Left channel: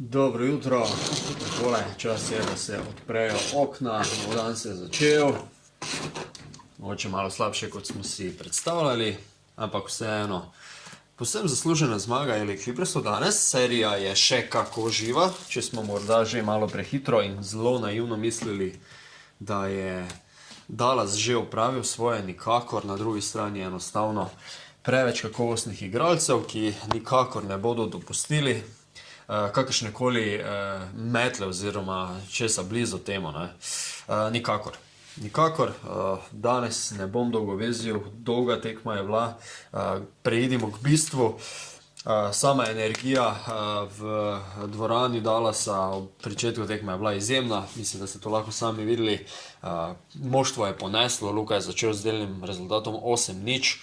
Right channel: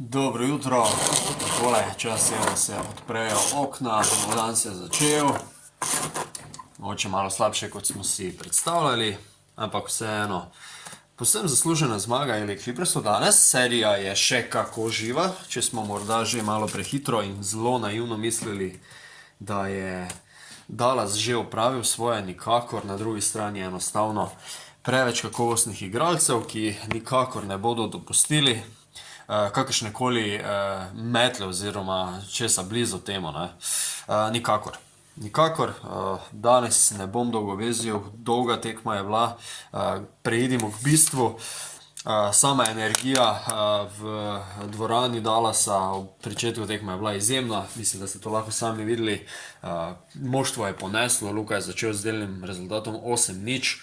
Dobro jutro, takole, čas je, da se odprejo okna, nov dan se je začel. Mogoče malo slabše, kot smo si predstavljali, ampak vseeno. Povsem zaslužena zmaga LA Clippersov danes, serija je še kako živa, če smo morda že malo prehitro in zelo naivno mislili, da je Dallas že opravil svoje, nikakor, na drugi strani je enostavno preveč kakovostnih igralcev, ki nikakor ne bodo dopustili kakršnekoli metle oziroma česa blizu temu. Nikakor. Nikakor. Danes ne bom dolgovezil, dolga tekma je bila. Preidimo k bistvu. Sama energija v dvorani Dallasa ob pričetku tekme je bila izjemna. Mislim, da ste to lahko sami videli. Moštvo je poneslo, Luka je začel z delnim rezultatom 8-0.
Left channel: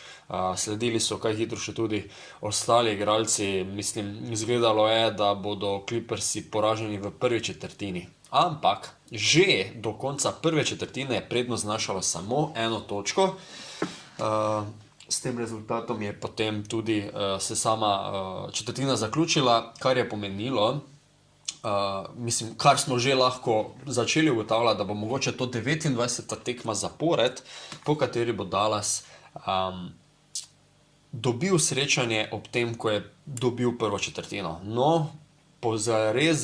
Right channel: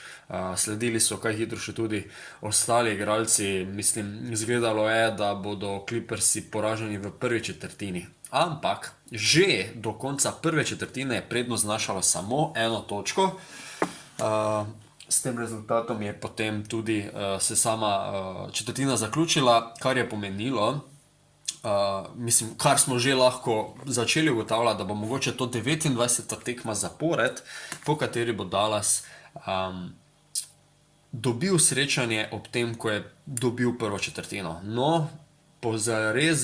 Sledili so kaj hitro še tudi ostali igralci. Mislim, izgledalo je, da bodo Clippersi poraženi v prvi četrtini. Ampak že do konca prve četrtine je prednost znašala samo 1 točko. S tem rezultatom je potem tudi se sama četrtina zaključila, kar je pomenilo, mislim, kar smo že lahko začeli ugotavljati, da bo mogoče to 29. tekma zapored, po kateri bo Dallas dobil srečanje ob tem, ko je dobil prvo četrtino. No, po res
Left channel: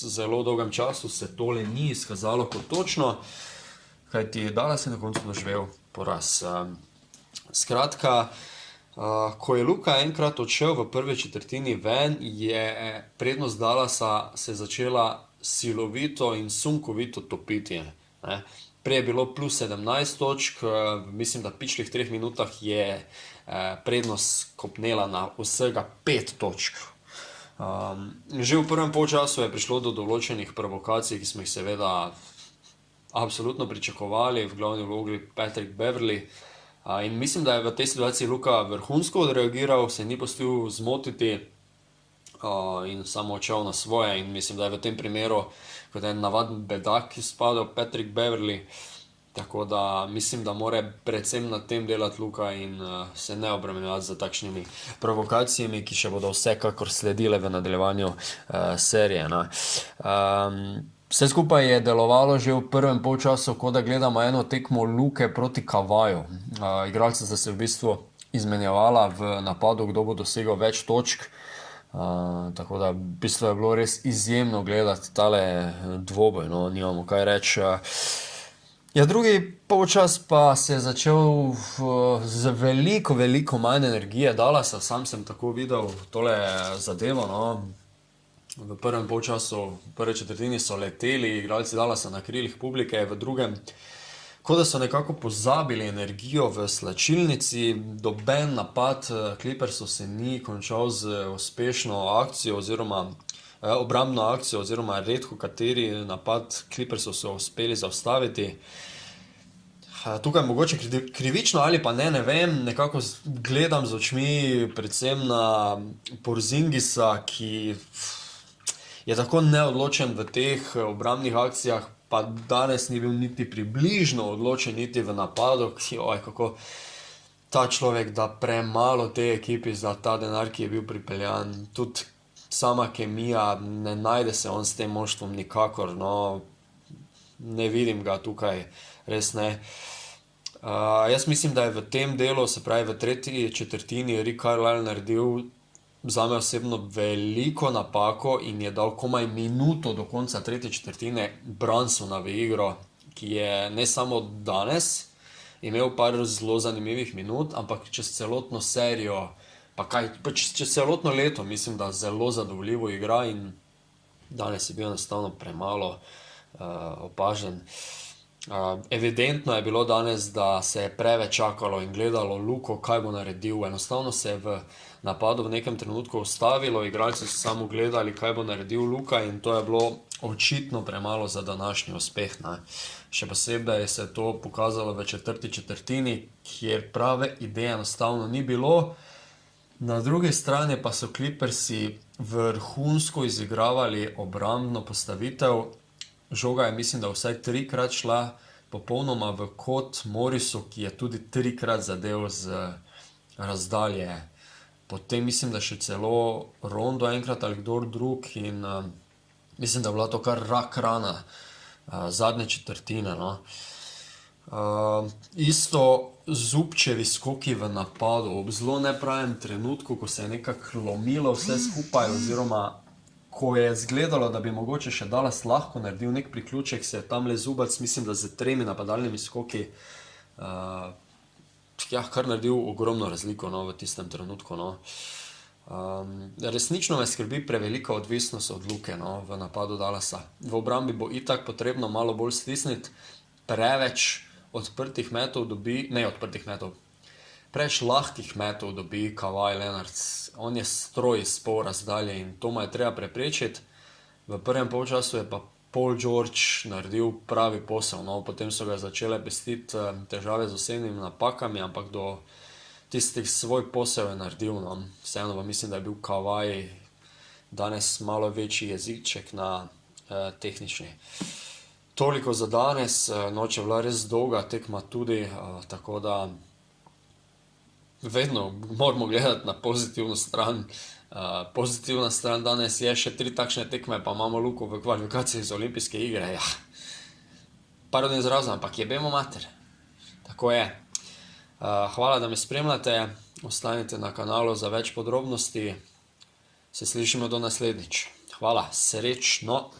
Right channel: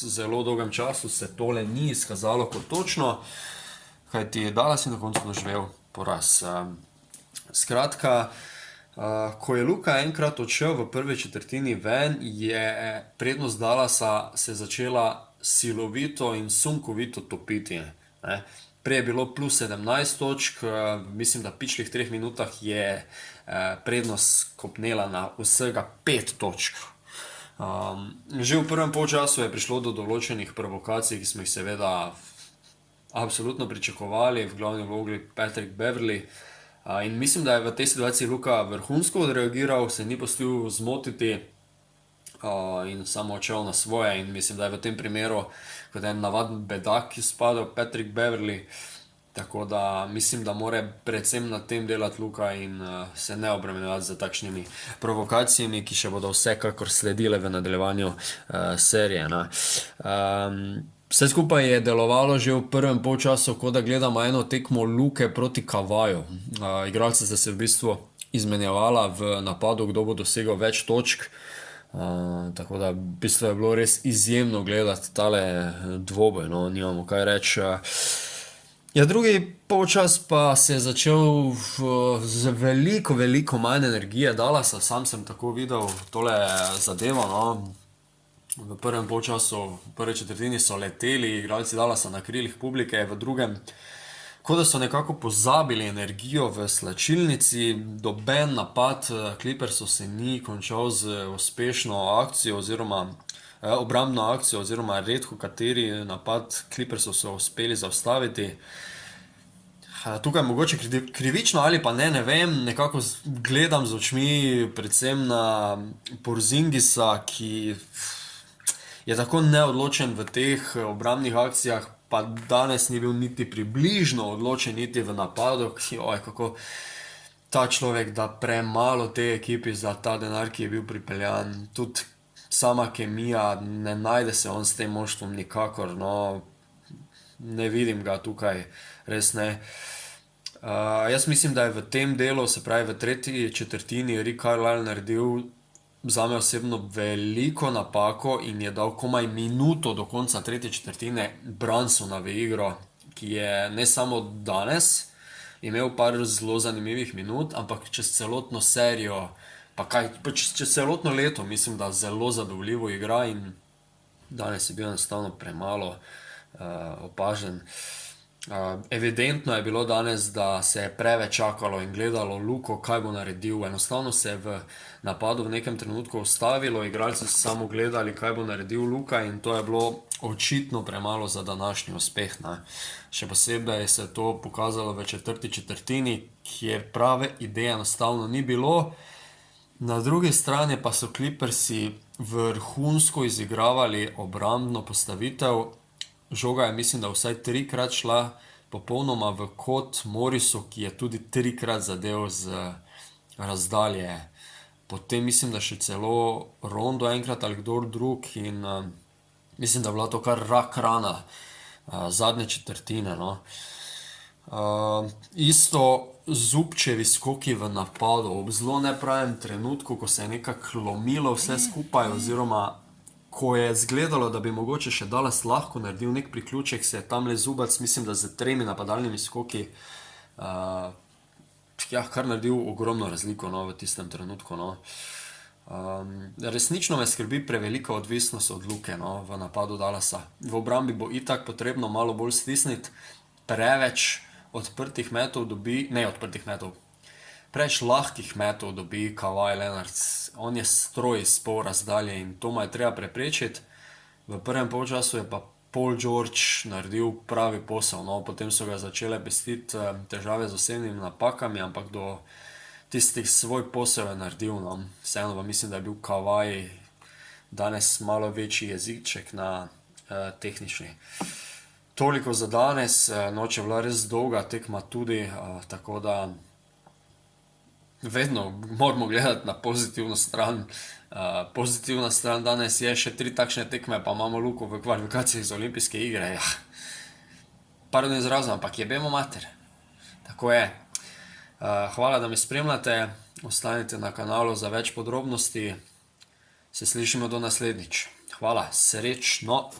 zelo dolgem času se tole ni izkazalo kot točno, kajti Dallas je na koncu doživel poraz. Skratka, ko je Luka enkrat odšel v prvi četrtini ven, je prednost Dallasa se začela silovito in sunkovito topiti. Prej je bilo plus 17 točk, mislim, da v pičlih 3 minutah je prednost kopnela na vsega 5 točk. Že v prvem polčasu je prišlo do določenih provokacij, ki smo jih seveda absolutno pričakovali, v glavni vlogi Patrick Beverley. In mislim, da je v tej situaciji Luka vrhunsko odreagiral, se ni pustil zmotiti in samo odšel na svoje. In mislim, da je v tem primeru kot en navaden bedak izpadel Patrick Beverley. Tako da mislim, da mora predvsem na tem delati Luka in se ne obremenjevati za takšnimi provokacijami, ki še bodo vsekakor sledile v nadaljevanju serije. Vse skupaj je delovalo že v prvem polčasu, kot da gledamo eno tekmo Luke proti Kavaju. Igralci sta se v bistvu izmenjevala v napadu, kdo bo dosegel več točk. Tako da v bistvu je bilo res izjemno gledati tale dvoboj, no, nimamo kaj reči. Ja, drugi polčas pa se je začel z veliko manj energije Dallasa, sam sem tako videl tole zadevo, no. V prvem polčasu, v prvi četrtini so leteli igralci Dallasa na krilih publike, v drugem, kot da so nekako pozabili energijo v slačilnici. Doben napad Clippersov se ni končal z uspešno akcijo oziroma obrambno akcijo, oziroma redko kateri napad Clippersov so uspeli zaustaviti. Tukaj mogoče krivično ali pa ne vem, nekako gledam z očmi predvsem na Porzingisa, ki je tako neodločen v teh obrambnih akcijah, pa danes ni bil niti približno odločen niti v napadu. Kako ta človek da premalo tej ekipi za ta denar, ki je bil pripeljan. Tudi sama kemija, ne najde se on s tem moštvom nikakor, no, ne vidim ga tukaj, res ne. Jaz mislim, da je v tem delu, se pravi v tretji četrtini, Rick Carlisle naredil zame osebno veliko napako in je dal komaj minuto do konca tretje četrtine Brunsona v igro, ki je ne samo danes imel par zelo zanimivih minut, ampak čez celotno serijo, čez celotno leto mislim, da zelo zadovoljivo igra in danes je bil enostavno premalo opažen. Evidentno je bilo danes, da se je preveč čakalo in gledalo Luko, kaj bo naredil. Enostavno se je v napadu v nekem trenutku ustavilo, igralci so samo gledali, kaj bo naredil Luka, in to je bilo očitno premalo za današnji uspeh. Še posebej se je to pokazalo v četrti četrtini, kjer prave ideje enostavno ni bilo. Na drugi strani pa so Clippersi vrhunsko izigravali obrambno postavitev. Žoga je, mislim, da vsaj 3-krat šla popolnoma v kot Morrisu, ki je tudi 3-krat zadev z razdalje potem mislim, da še celo Rondo enkrat ali kdor drug in mislim, da je bila to kar rak rana zadnje četrtine, no. Isto Zupčevi skoki v napadu ob zelo nepravem trenutku, ko se je nekako lomilo vse skupaj, oziroma ko je izgledalo, da bi mogoče še Dallas lahko naredil nek priključek, se je tamle Zubac, mislim, da z 3 napadalnimi skoki kar naredil ogromno razliko, no, v tistem trenutku, no. Resnično me skrbi prevelika odvisnost od Luke, no, v napadu Dallasa. V obrambi bo itak potrebno malo bolj stisniti, preveč odprtih metov dobi, ne odprtih metov, preveč lahkih metov dobi Kawhi Leonard. On je stroj iz pol razdalje in to mu je treba preprečiti. V prvem polčasu je pa Paul George naredil pravi posel, no, potem so ga začele pestiti težave z osebnimi napakami, ampak do tistih svoj posel je naredil, no. Vseeno pa mislim, da je bil Kawhi danes malo večji jeziček na tehnični. Toliko za danes, noč je bila res dolga tekma tudi, tako da vedno moramo gledati na pozitivno stran. Pozitivna stran danes je še 3 takšne tekme, pa imamo Luko v kvalifikacijah za olimpijske igre. Ja. Pardon izrazom, ampak jebemo mater. Tako je. Hvala, da me spremljate. Ostanite na kanalu za več podrobnosti. Se slišimo do naslednjič. Hvala, srečno.